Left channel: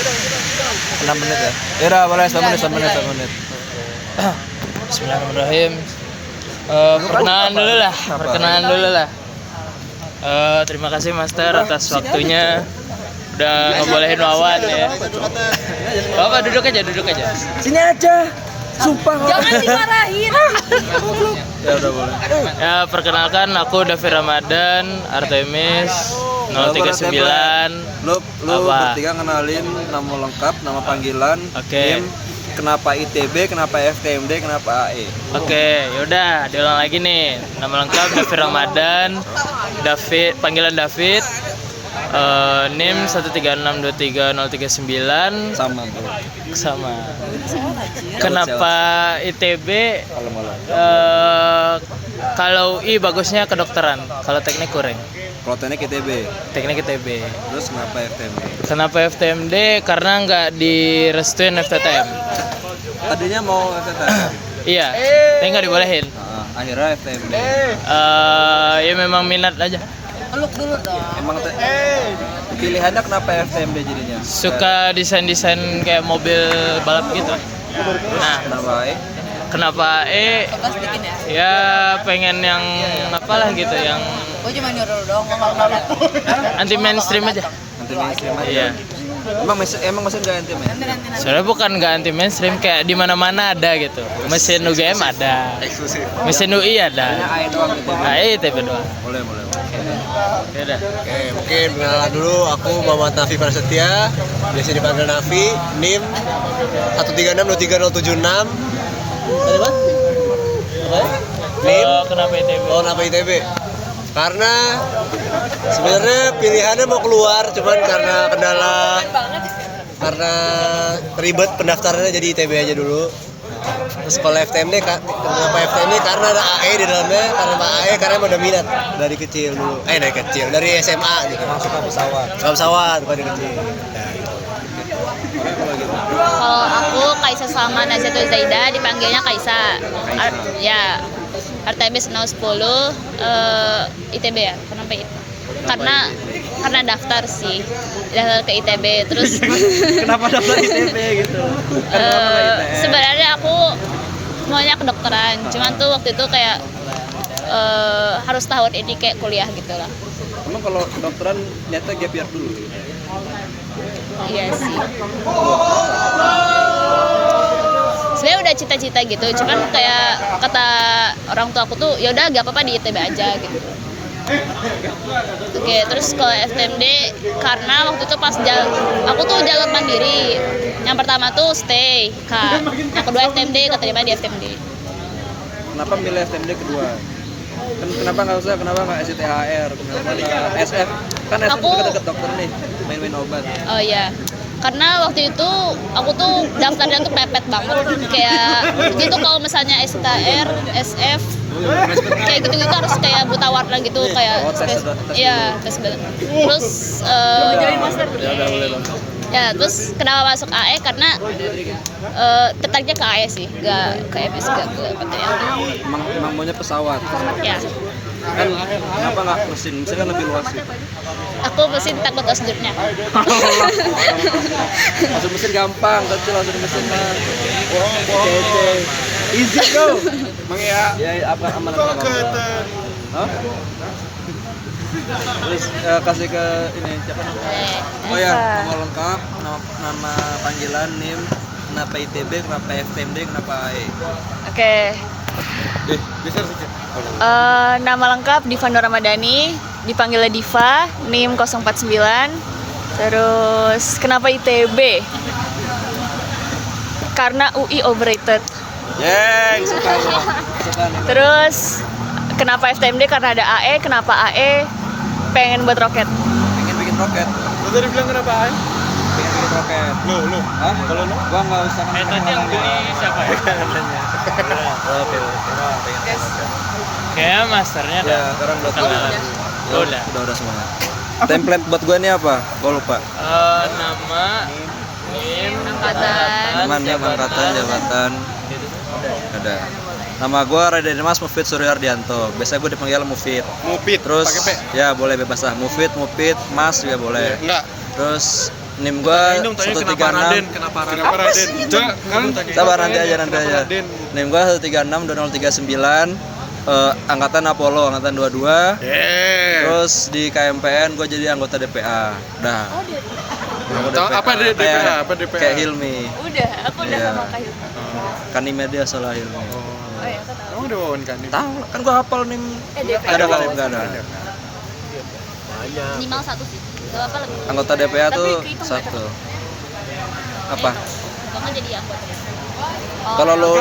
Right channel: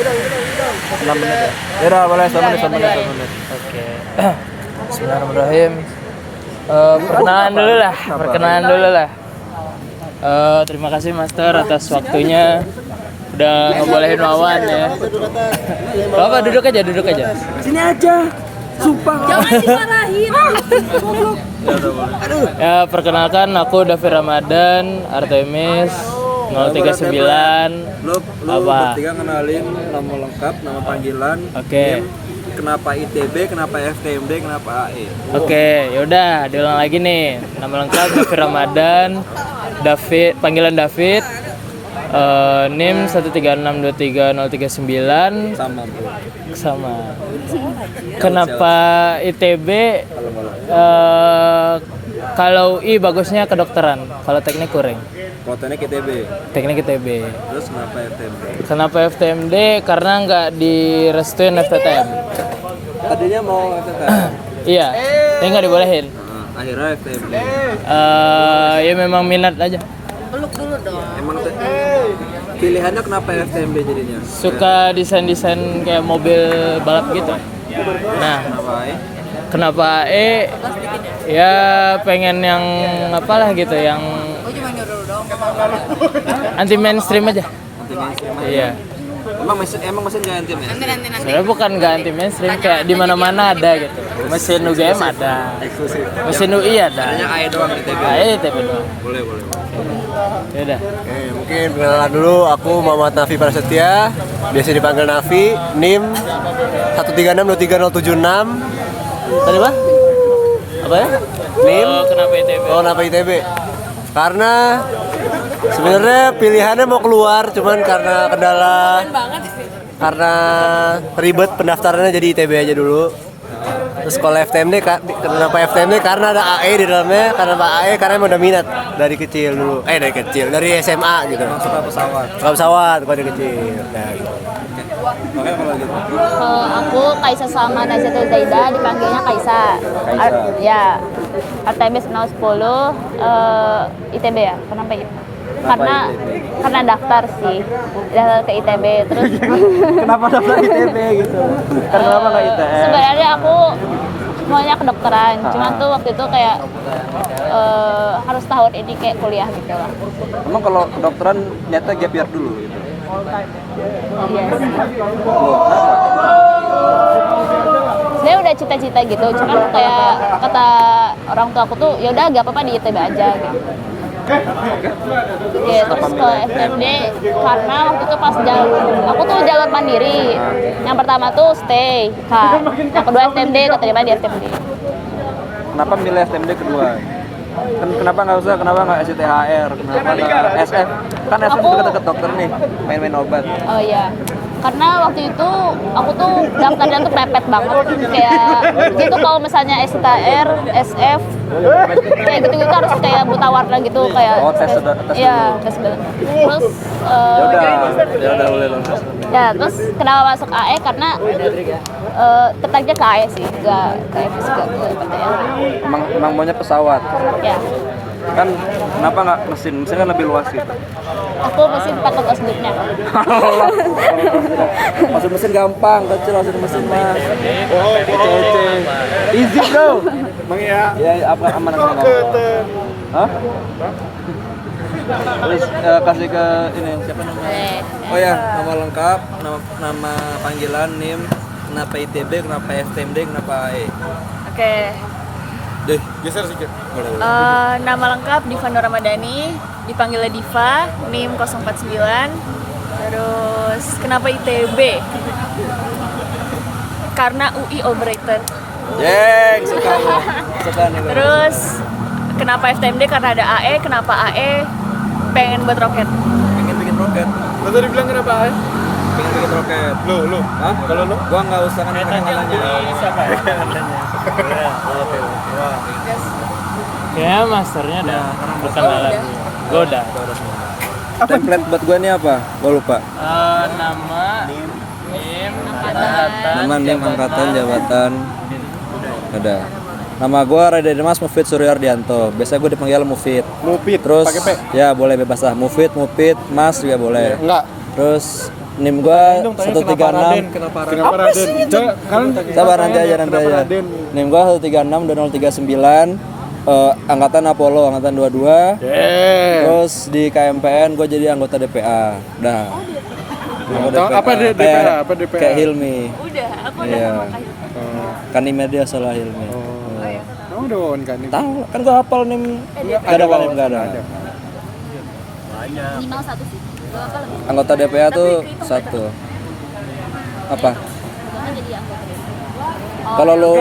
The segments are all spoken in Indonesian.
6 menit ya. Ira boleh 1 menit, 1 menit, 1 menit. Oke. Bismillahirrahmanirrahim. Perkenalan dulu lah. Terima kasih Master atas waktunya. Udah ngebolehin Wawan ya. Bapak duduk aja. Sini aja. Sumpah. Jangan dimarahin. Ya, perkenalkan aku Davi Ramadan, Artemis 039. Lu Apa? bertiga kenalin nama lengkap, nama panggilan. Oke. NIM, kenapa ITB, kenapa FKMD, kenapa AE. Oke, yaudah diulang lagi nih. Nama lengkap Davi Ramadan, panggilan David. NIM 136230339 Sama. Kenapa ITB? Kalau I bagusnya kedokteran, kalau teknik kurang. Kalau teknik ITB. Teknik ITB. Terus kenapa FKMD? Kenapa FTMD? Karena nggak direstuin FTTM. Tadinya mau FTTM. Iya, tapi nggak dibolehin. Akhirnya FKMD. Ya memang minat aja. Peluk dulu dong. Emang pilihannya kenapa FKMD jadinya? Suka desain-desain kayak mobil balap gitu. Nah, Kenapa AE? kenapa ya pengen yang apalah gitu, yang Gue cuma nyuruh doang ngomong. anti mainstream aja. Anti mainstream aja. Iya. Emang mesin gak anti mainstream? Nanti. Soalnya bukan nggak anti mainstream, kayak di mana-mana ada gitu. Mesin UGM ada, Eksklusif. mesin UI ada. Hanya AE doang ITB. ITB doang. Boleh. Ya udah. Oke, mungkin perkenalan dulu. Aku Muhammad Nafi Prasetya, biasa dipanggil Nafi. NIM 136230076. Tadi apa? Apa ya? NIM. Kenapa ITB? Kenapa ITB? Karena sebenarnya pilihannya mau keluar, cuman karena ribet pendaftarannya jadi ITB aja dulu. Terus kalau FTMD, kenapa FTMD? Karena ada AE di dalamnya. Karena AE karena udah minat dari kecil dulu. Dari SMA gitu. Masuk ke pesawat. Kalau pesawat pada kecil. Nah, gitu. Kalau aku Kaisa Salma Nazatul Zaida, dipanggilnya Kaisa. Artemis 010 ITB ya. Kenapa itu? Karena daftar sih. Daftar ke ITB terus Kenapa daftar ITB gitu? Kenapa nggak ITS? sebenarnya aku maunya kedokteran. Cuman tuh waktu itu kayak harus tahun ini kayak kuliah gitu lah. Emang kalau kedokteran niatnya gap year dulu gitu? Iya sih. Sebenarnya udah cita-cita gitu, cuman kayak kata orang tua aku tuh ya udah gak apa-apa di ITB aja gitu. Oke, terus kalau FTMD karena waktu itu pas aku tuh jalur mandiri. Yang pertama tuh stay, yang kedua FTMD, keterima di FTMD. Kenapa milih FTMD kedua? Kenapa nggak SITHR? Kenapa nggak SF? Kan SF Aku- deket-deket dokter nih, main-main obat. Oh iya, karena waktu itu aku tuh daftarnya tuh pepet banget, kayak gitu. Kalau misalnya STR, SF, kayak gitu-gitu harus kayak buta warna gitu, kayak tes iya tes terus Ya udah boleh dong. ya terus kenapa masuk AE karena tertariknya ke AE sih, gak ke FS, gak ke PTN. Emang maunya pesawat. Ya, Kan kenapa nggak mesin? Mesin kan lebih luas gitu. aku mesti takut osdurnya. Masuk mesin gampang, kecil masuk mesin mas. Betul. Easy bro. Ya apa aman. Hah? Terus kasih ke ini siapa namanya? Oh ya, nama lengkap, nama panggilan, NIM, kenapa ITB, kenapa FTMD, kenapa AE. Oke. Geser sedikit. Nama lengkap Diva Nur Ramadhani, dipanggil Diva, NIM 049. Terus kenapa ITB? Karena UI overrated. Yeng, suka nih. Terus kenapa FTMD? Karena ada AE. Kenapa AE? Pengen buat roket. Pengen bikin roket. Lo tadi bilang kenapa? Pengen bikin roket. Lo. Hah? Kalau lu? Gua nggak usah kan. Tadi yang beli siapa ya? Kayaknya masternya ada. Ya, sekarang buat Lo udah. udah semua. Template buat gua ini apa? Gua lupa. Nama NIM Nama, NIM, angkatan, jabatan. Ada. Nama gua Radha Dimas Mufid Suryaardianto. Biasa gua dipanggil Mufid. Mupit. Terus Pakai P. ya boleh bebas lah. Mufid, Mas juga boleh. Enggak. Terus NIM gua 136. Kenapa Raden? Sabar nanti aja. NIM gua 136 2039. Angkatan Apollo, angkatan 22. Terus di KMPN gue jadi anggota DPA. Dah. Apa DPA? Kayak Hilmi. Udah, aku udah Iya. sama Kak. Kan NIM dia salah Hilmi. Kamu udah wawancara nih? Tahu, kan gue hafal NIM. Enggak ada kan NIM, enggak ada. Minimal 1 sih. Gak apa lebih. Anggota DPA tuh 1. Apa? Gak kan jadi anggota. Kalau lu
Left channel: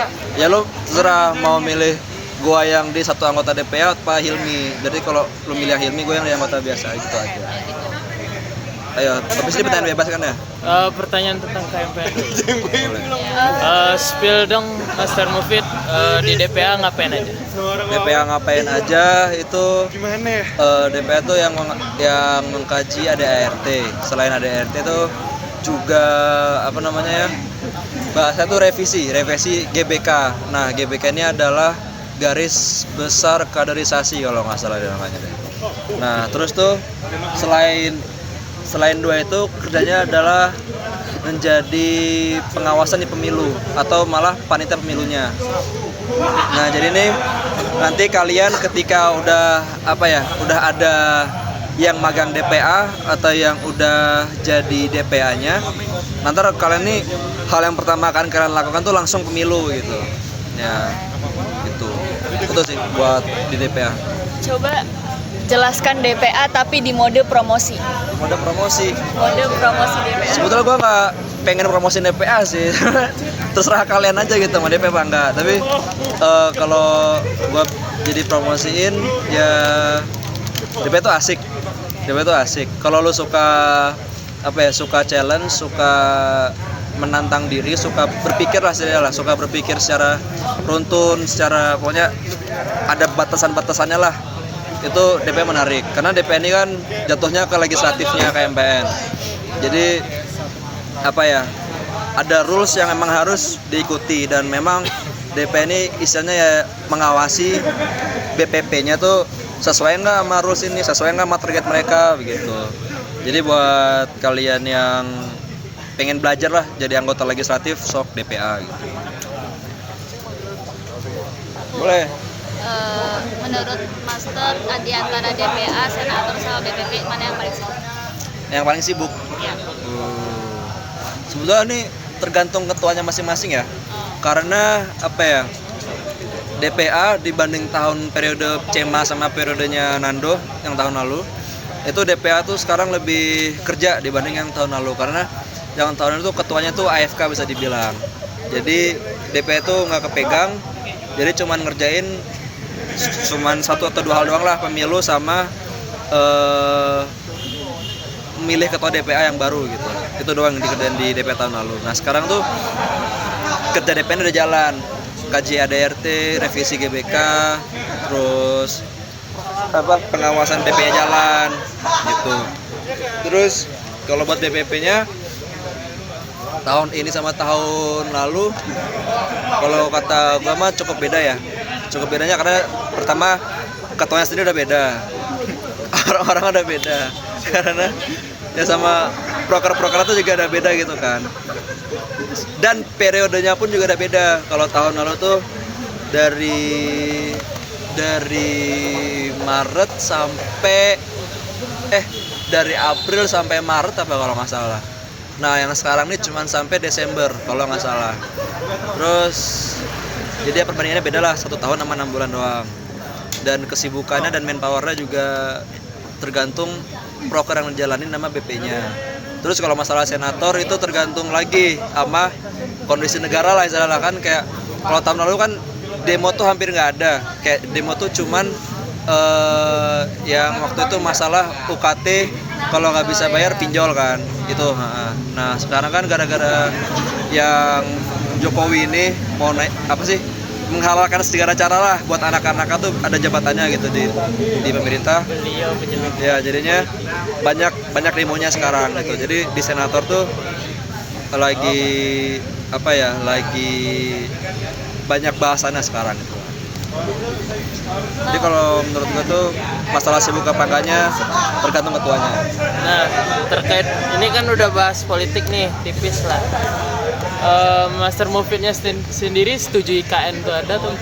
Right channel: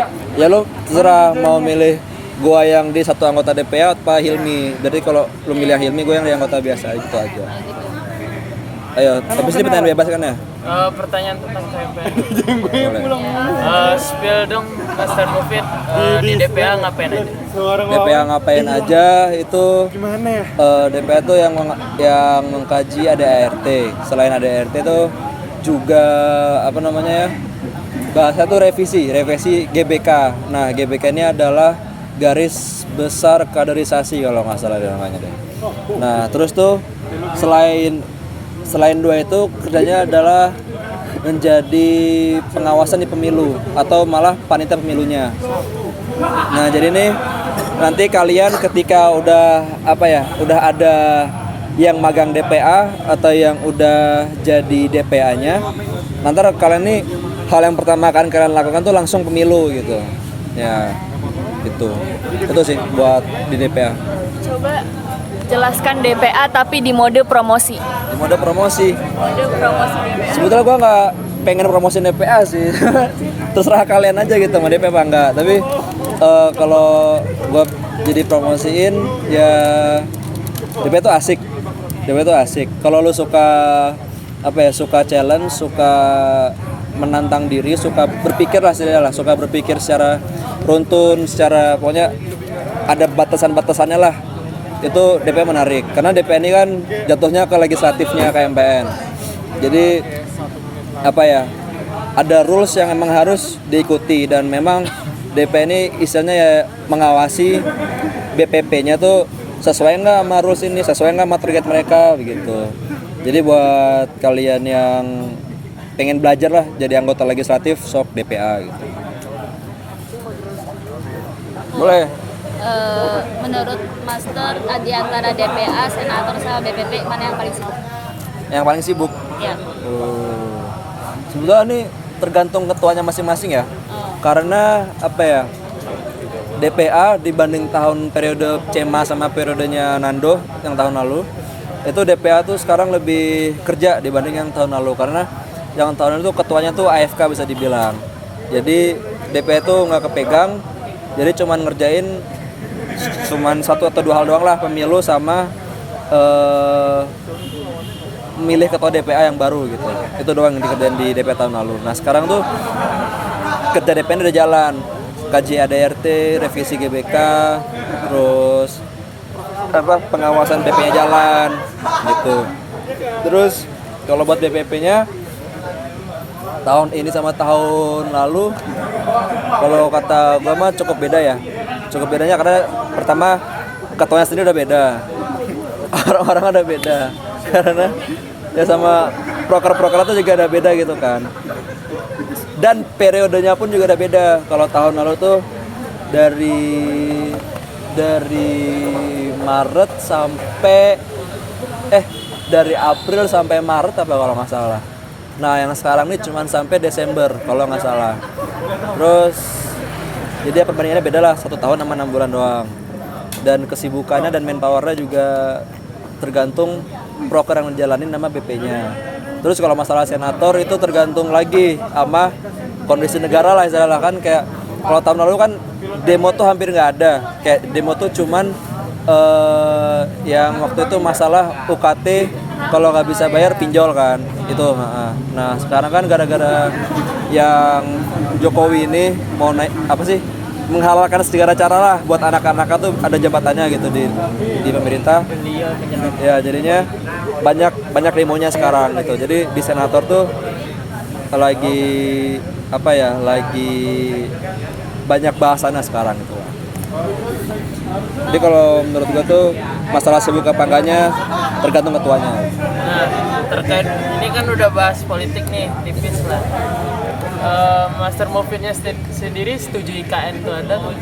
terserah mau milih gua yang di satu anggota DPA apa Hilmi. Jadi kalau lu milih Hilmi, gua yang di anggota biasa gitu aja. Ayo, habis ini pertanyaan bebas kan ya? Pertanyaan tentang KMPN. Spill dong Master Mufid di DPA ngapain aja? DPA ngapain aja itu DPA tuh yang mengkaji ADART. Selain ADART tuh juga apa namanya ya? Bahasa tuh revisi GBK. Nah, GBK ini adalah garis besar kaderisasi kalau nggak salah namanya deh. Nah, terus tuh selain dua itu kerjanya adalah menjadi pengawasan di pemilu atau malah panitia pemilunya. Nah, jadi nih nanti kalian ketika udah ada yang magang DPA atau yang udah jadi DPA-nya, nanti kalian nih hal yang pertama akan kalian lakukan tuh langsung pemilu gitu. Ya, gitu. Itu sih buat di DPA. Coba jelaskan DPA tapi di mode promosi. Di mode promosi. Mode promosi DPA. Sebetulnya gue nggak pengen promosiin DPA sih. Terserah kalian aja gitu mau DPA apa enggak. Tapi kalau gue jadi promosiin ya DPA itu asik. DPA itu asik. Kalau lu suka suka challenge, suka menantang diri, suka berpikir lah, suka berpikir secara runtun, secara pokoknya ada batasan-batasannya lah. Itu DPA menarik karena DPA ini kan jatuhnya ke legislatifnya KMPN. Jadi ada rules yang memang harus diikuti dan memang DPA ini istilahnya ya mengawasi BPP-nya tuh sesuai nggak sama rules ini, sesuai nggak sama target mereka begitu. Jadi buat kalian yang pengen belajar lah jadi anggota legislatif, sok DPA gitu. Boleh. Menurut Master di antara DPA, Senator sama BPP mana yang paling sibuk? Yang paling sibuk? Ya. Sebetulnya nih tergantung ketuanya masing-masing ya. Karena DPA dibanding tahun periode CEMA sama periodenya Nando yang tahun lalu, itu DPA tuh sekarang lebih kerja dibanding yang tahun lalu karena yang tahun lalu tuh ketuanya tuh AFK bisa dibilang. Jadi DPA tuh nggak kepegang, jadi cuman ngerjain satu atau dua hal doang lah, pemilu sama memilih ketua DPA yang baru gitu. Itu doang yang dikerjain di DPA tahun lalu. Nah sekarang tuh kerja DPA udah jalan, kaji ADRT, revisi GBK, terus pengawasan BP-nya jalan gitu. Terus kalau buat BPP-nya tahun ini sama tahun lalu, kalau kata gua mah cukup beda ya. Cukup bedanya karena pertama ketuanya sendiri udah beda, orang-orang udah beda, karena ya sama proker-proker itu juga udah beda gitu kan. Dan periodenya pun juga udah beda. Kalau tahun lalu tuh dari Maret sampai dari April sampai Maret apa kalau nggak salah. Nah yang sekarang ini cuma sampai Desember kalau nggak salah. Terus jadi perbandingannya beda lah, 1 tahun sama 6 bulan doang. Dan kesibukannya dan manpowernya juga tergantung proker yang dijalanin sama BP-nya. Terus kalau masalah senator itu tergantung lagi sama kondisi negara lah istilahnya kan. Kayak kalau tahun lalu kan demo tuh hampir nggak ada. Kayak demo tuh cuman yang waktu itu masalah UKT kalau nggak bisa bayar pinjol kan itu. Nah sekarang kan gara-gara yang Jokowi ini mau naik menghalalkan segala cara lah buat anak-anak tuh ada jabatannya gitu di pemerintah. Ya jadinya banyak demonya sekarang gitu. Jadi di senator tuh lagi lagi banyak bahasannya sekarang gitu. Jadi kalau menurut gue tuh masalah sibuk apa enggaknya tergantung ketuanya. Nah, terkait ini kan udah bahas politik nih, tipis lah. Master Mufidnya sendiri setuju IKN tuh ada tuh?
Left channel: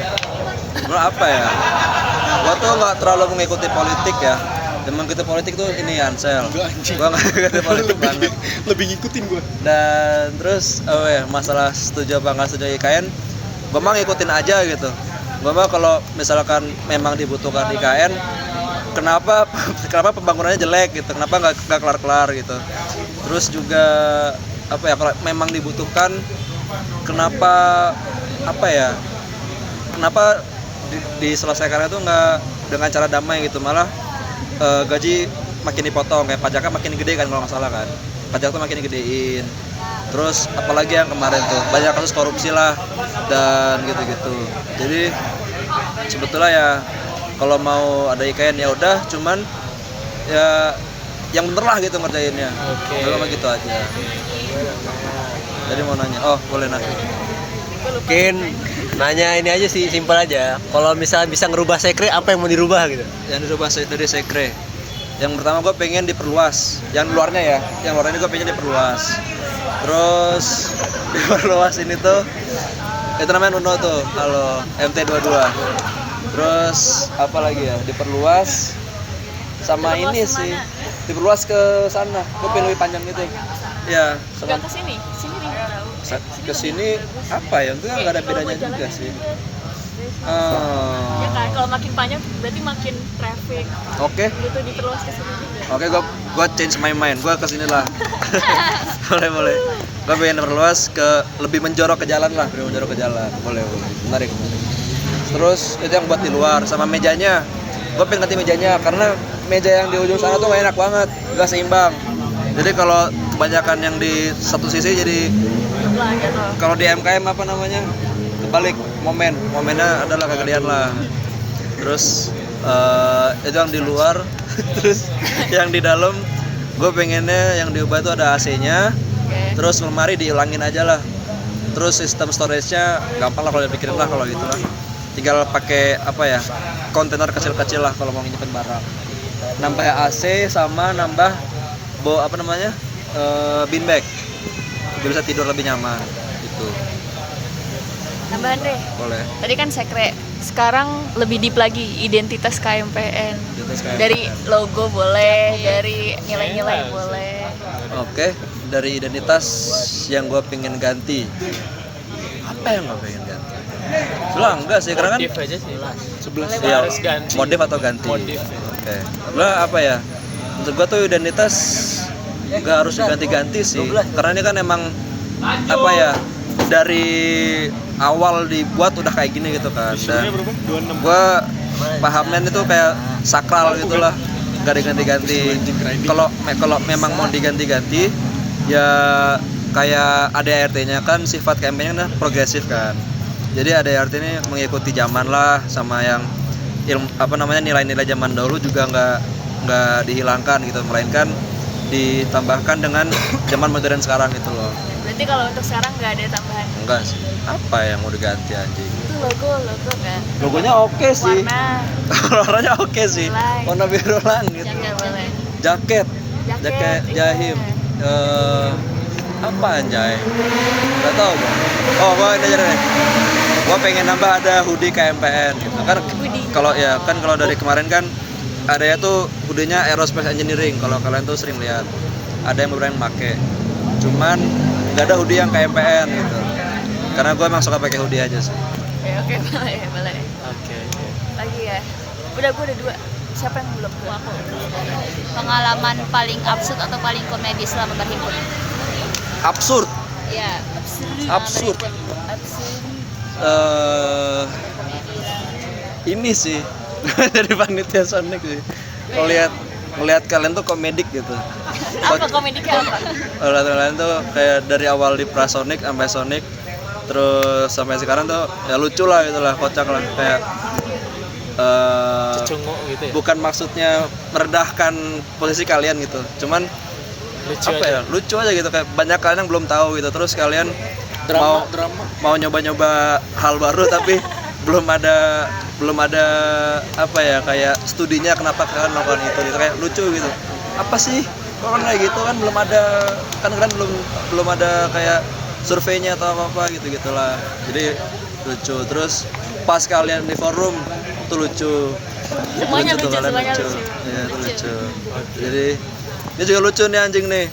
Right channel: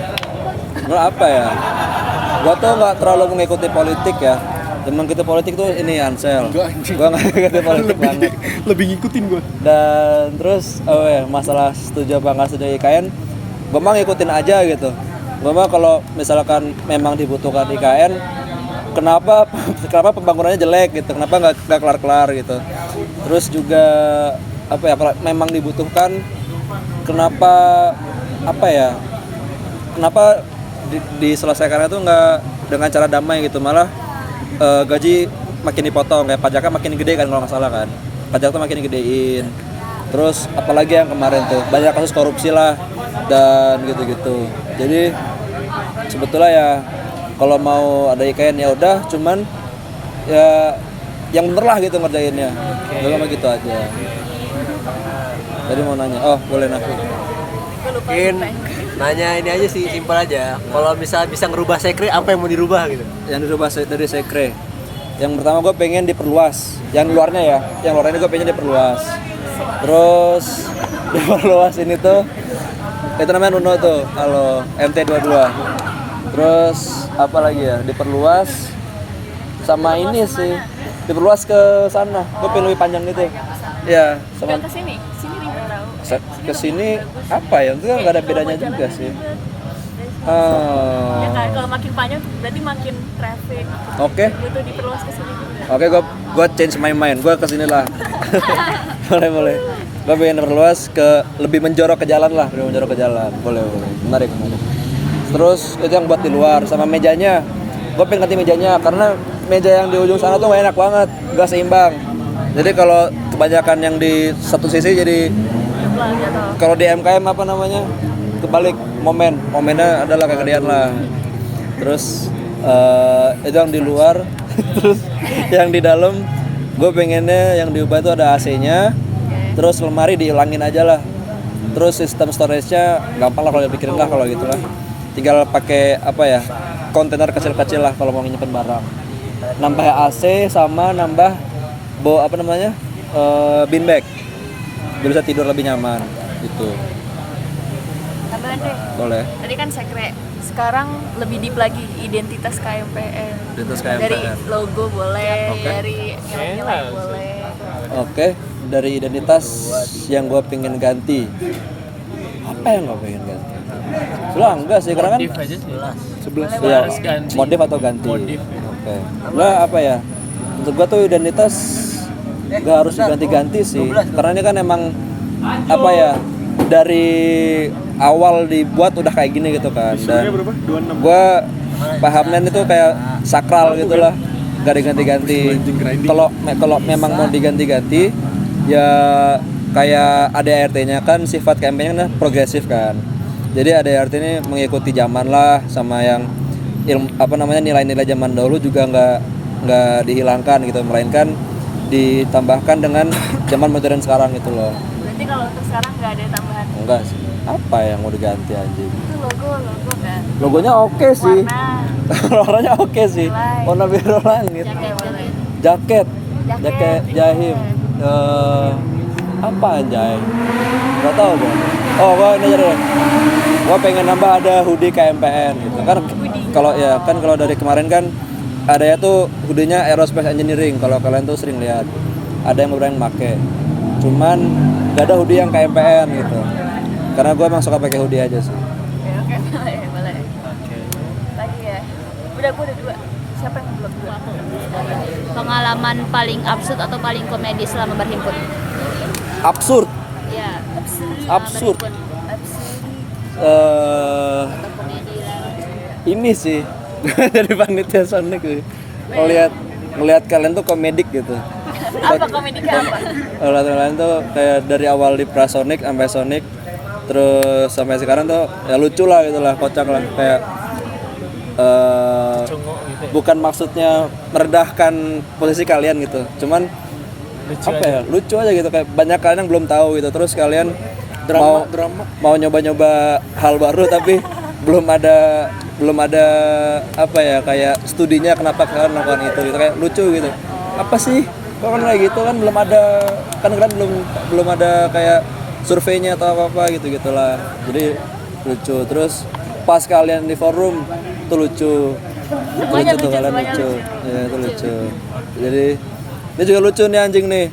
Menurut apa ya? Gue tuh nggak terlalu mengikuti politik ya. Memang kita politik tuh ini Ansel. Gue nggak ngikutin politik banget. Lebih ngikutin gue. Dan terus masalah setuju apa nggak setuju IKN, gue mah ngikutin aja gitu. Gue mah kalau misalkan memang dibutuhkan IKN, kenapa pembangunannya jelek gitu, kenapa nggak kelar gitu. Terus juga kalau memang dibutuhkan, kenapa diselesaikannya tuh nggak dengan cara damai gitu, malah gaji makin dipotong, kayak pajaknya makin gede kan kalau nggak salah kan, pajak tuh makin gedein. Terus apalagi yang kemarin tuh banyak kasus korupsi lah dan gitu-gitu. Jadi sebetulnya ya kalau mau ada IKN ya udah, cuman ya yang bener lah gitu ngerjainnya. Cuma gitu aja. Jadi mau nanya, boleh nanya. Mungkin nanya ini aja sih, simpel aja. Kalau misalnya bisa ngerubah sekre, apa yang mau dirubah gitu? Yang dirubah dari sekre. Yang pertama gue pengen diperluas. Yang luarnya gue pengen diperluas. Terus diperluas ini tuh, itu namanya Nuno tuh, kalau MT22. Terus apa lagi ya? Diperluas sama ini sih. Diperluas ke sana. Gue pengen lebih panjang gitu. Ya, sama ke sini ke sini apa ya? Itu kan nggak ada bedanya juga sih. ya kan, kalau makin panjang berarti makin traffic. Oke. Butuh diperluas ke sini juga. Oke, gue change my mind. Gue kesini lah. boleh. Gue pengen perluas ke lebih menjorok ke jalan lah, Boleh. Menarik. Terus itu yang buat di luar sama mejanya. Gue pengen ganti mejanya karena meja yang di ujung sana tuh gak enak banget, gak seimbang. Jadi kalau kebanyakan yang di satu sisi jadi kalau di MKM kebalik momennya adalah kegedean lah. Terus itu yang di luar. Terus yang di dalam gue pengennya yang diubah tuh ada AC-nya. Terus lemari diulangin aja lah. Terus sistem storage-nya gampang lah kalau dipikirin lah kalau gitu lah. Tinggal pakai kontainer kecil-kecil lah kalau mau nyimpen barang. Nambah AC sama nambah bean bag. Gue bisa tidur lebih nyaman gitu. Tambahan deh. Boleh. Tadi kan sekre, sekarang lebih deep lagi identitas KMPN. Dari logo boleh, dari nilai-nilai boleh. Oke, dari identitas yang gue pengen ganti. Apa yang gue pengen ganti? Sebelah enggak sih, karena kan Modif aja sih. iya, Harus ganti. modif atau ganti. Modif. Oke. Sebelah apa ya? Untuk gue tuh identitas gak harus diganti-ganti sih. Karena ini kan emang dari awal dibuat udah kayak gini gitu kan. Dan gue pahamnya itu kayak sakral gitulah, gak diganti-ganti. Kalau memang mau diganti-ganti ya kayak ADART-nya kan sifat kampanye progresif kan. Jadi ADART ini mengikuti zaman lah, sama yang nilai-nilai zaman dahulu juga nggak dihilangkan gitu, melainkan ditambahkan dengan zaman modern sekarang gitu loh. Berarti kalau untuk sekarang nggak ada tambahan. Enggak sih. Apa yang mau diganti anjing? Itu logo kan. Logonya oke sih. Warnanya oke sih. Warna biru langit. Jaket Jahim. Apa anjay? Enggak tahu gua. Gua ini aja deh. Gua pengen nambah ada hoodie KMPN gitu. Kan kalau dari kemarin kan ada ya tuh hoodie-nya Aerospace Engineering, kalau kalian tuh sering lihat. Ada yang beberapa yang pakai. Cuman enggak ada hoodie yang KMPN gitu. Karena gue emang suka pakai hoodie aja sih. Oke, boleh. Lagi ya. Udah, gue ada 2. Siapa yang belum? Aku. Pengalaman paling absurd atau paling komedi selama berhimpun? Absurd. Ya. Absurd. Ini sih jadi panitia Sonic sih. Ngelihat kalian tuh komedik gitu. Apa komedinya? Ngelihat kalian tuh kayak dari awal di Prasonic sampai Sonic, terus sampai sekarang tuh ya lucu lah gitu lah, kocak lah, kayak bukan maksudnya merendahkan posisi kalian gitu, cuman lucu aja gitu, kayak banyak kalian yang belum tahu gitu, terus kalian mau nyoba-nyoba hal baru tapi belum ada belum ada apa ya kayak studinya kenapa kalian melakukan itu gitu, kayak lucu gitu. Apa sih kok kan kayak gitu kan belum ada, kan kalian belum ada kayak surveinya atau apa gitu gitulah, jadi lucu. Terus pas kalian di forum itu lucu tuh kalian lucu ya, itu lucu. Jadi dia juga lucu nih anjing nih,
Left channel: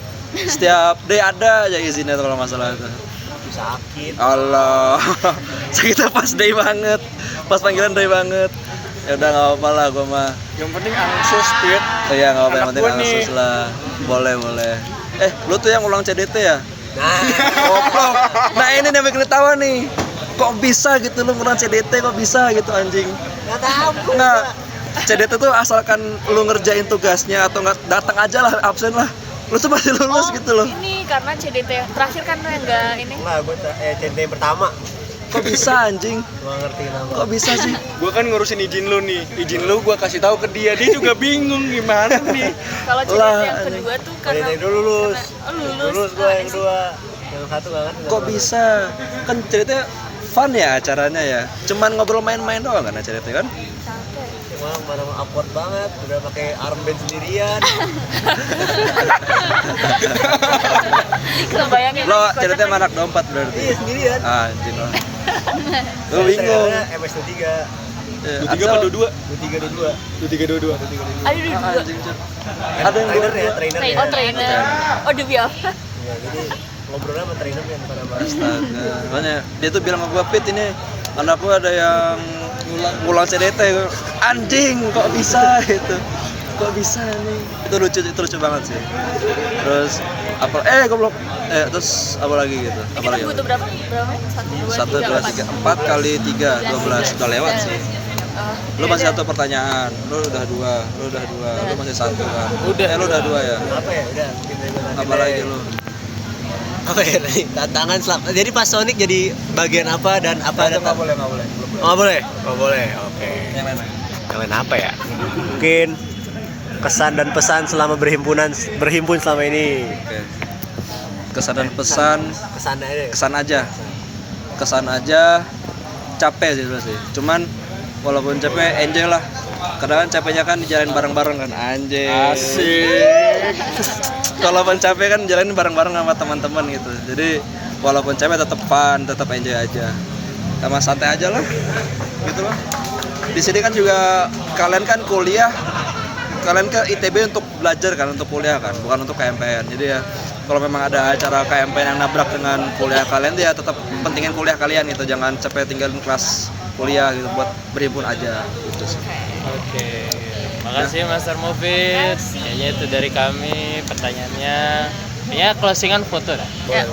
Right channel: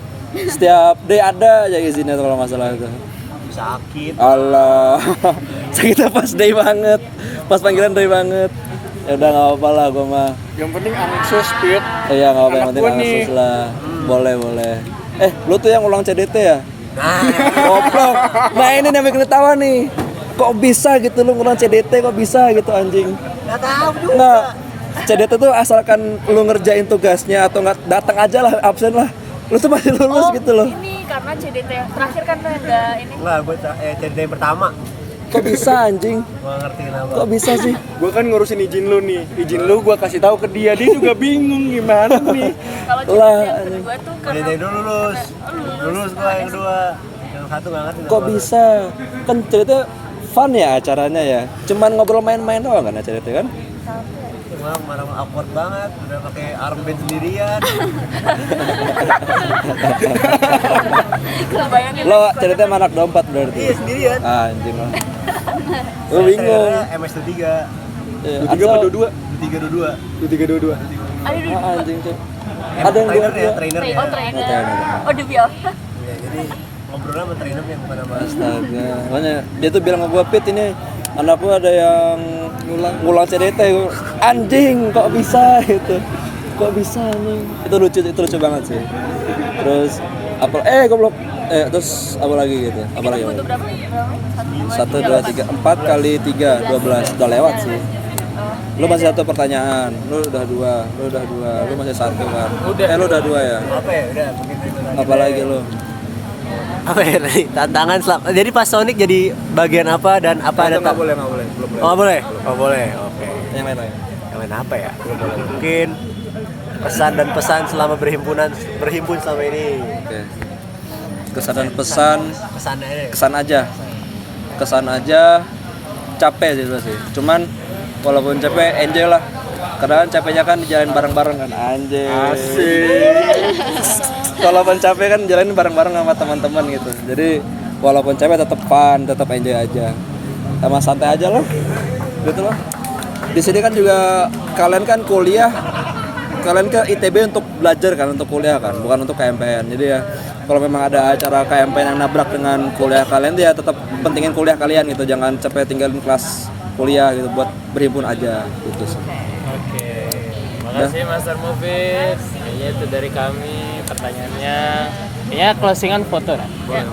setiap day ada aja izinnya kalau masalah itu. Sakit. Allah sakitnya pas day banget, pas panggilan day banget. Ya udah nggak apa-apa lah gue mah. Yang penting ansos Pit. Iya nggak apa-apa, yang Anak penting gua nih. ansos lah. Boleh. Lu tuh yang ulang CDT ya? Nah, Goblok. Nah ini yang bikin ketawa nih. Kok bisa gitu lu ngulang CDT, kok bisa gitu anjing? enggak tahu juga. Nggak. CDT tuh asalkan lu ngerjain tugasnya atau nggak datang aja lah, absen lah. Lu tuh pasti lulus gitu loh. Ini karena CDT yang terakhir kan lo yang nggak ini. Enggak, gue CDT yang pertama. Kok bisa anjing? Gua ngerti kenapa. Kok bisa sih? Gua kan ngurusin izin lu nih. Izin lu gua kasih tahu ke dia. Dia juga bingung gimana nih. Kalau CDT Lah, yang kedua tuh karena CDT dulu lulus. lulus. Lulus gue yang kedua. Yang satu nggak ngerti. Kok bisa? Kan CDT fun ya acaranya ya. Cuman ngobrol main-main doang kan CDT kan? Cuma kemarin awkward banget, udah pakai armband sendirian. Kebayangin Lo lagi, CDT sama anak dompet berarti. Iya sendirian. Anjing lo. Lu bingung. MS23. Ya, 23 apa Ansel- 22? 2322. 2322. Aduh, anjing Cuk. Ada yang dua-dua. Trainer ya. trainer. Oh, demi apa? Ya, jadi ngobrolnya sama trainernya bukan sama Astaga. Makanya dia tuh bilang sama gua, "Pit, ini anak gua ada yang ngulang CDT." Anjing, kok bisa gitu. Kok bisa nih? Itu lucu banget sih. Terus goblok. Terus apa lagi gitu? Apa lagi? Butuh berapa? 1, 2, 3, 4 kali 3, 12. Udah lewat sih. Lu masih satu pertanyaan. Lu udah dua. Lu masih satu kan? Lu udah 2 ya? apa ya? Udah mungkin Apa lagi lu? apa ya tadi? Tantangan jadi pas Sonic jadi bagian apa dan apa ada Nggak boleh. Oh boleh? Oh boleh, oke. Yang main-main. Yang lain apa ya? Mungkin kesan dan pesan selama berhimpun selama ini. Oke. Kesan dan pesan, Pesannya kesan aja, capek sih sebenarnya. Cuman walaupun capek, enjoy lah. Kadang capeknya kan dijalanin bareng-bareng kan, anjay. Asik. Walaupun capek kan jalanin bareng-bareng sama teman-teman gitu. Jadi walaupun capek tetap fun, tetap enjoy aja. Sama santai aja lah. Gitu loh. Di sini kan juga kalian kan kuliah, kalian ke ITB untuk belajar kan, untuk kuliah kan, bukan untuk KMPN. Jadi ya kalau memang ada acara KMPN yang nabrak dengan kuliah kalian, dia tetap pentingin kuliah kalian gitu, jangan capek tinggalin kelas kuliah gitu buat berhimpun aja gitu sih. Oke. Makasih Master Mufid. Kayaknya itu dari kami pertanyaannya. Kayaknya closingan foto dah. Ya.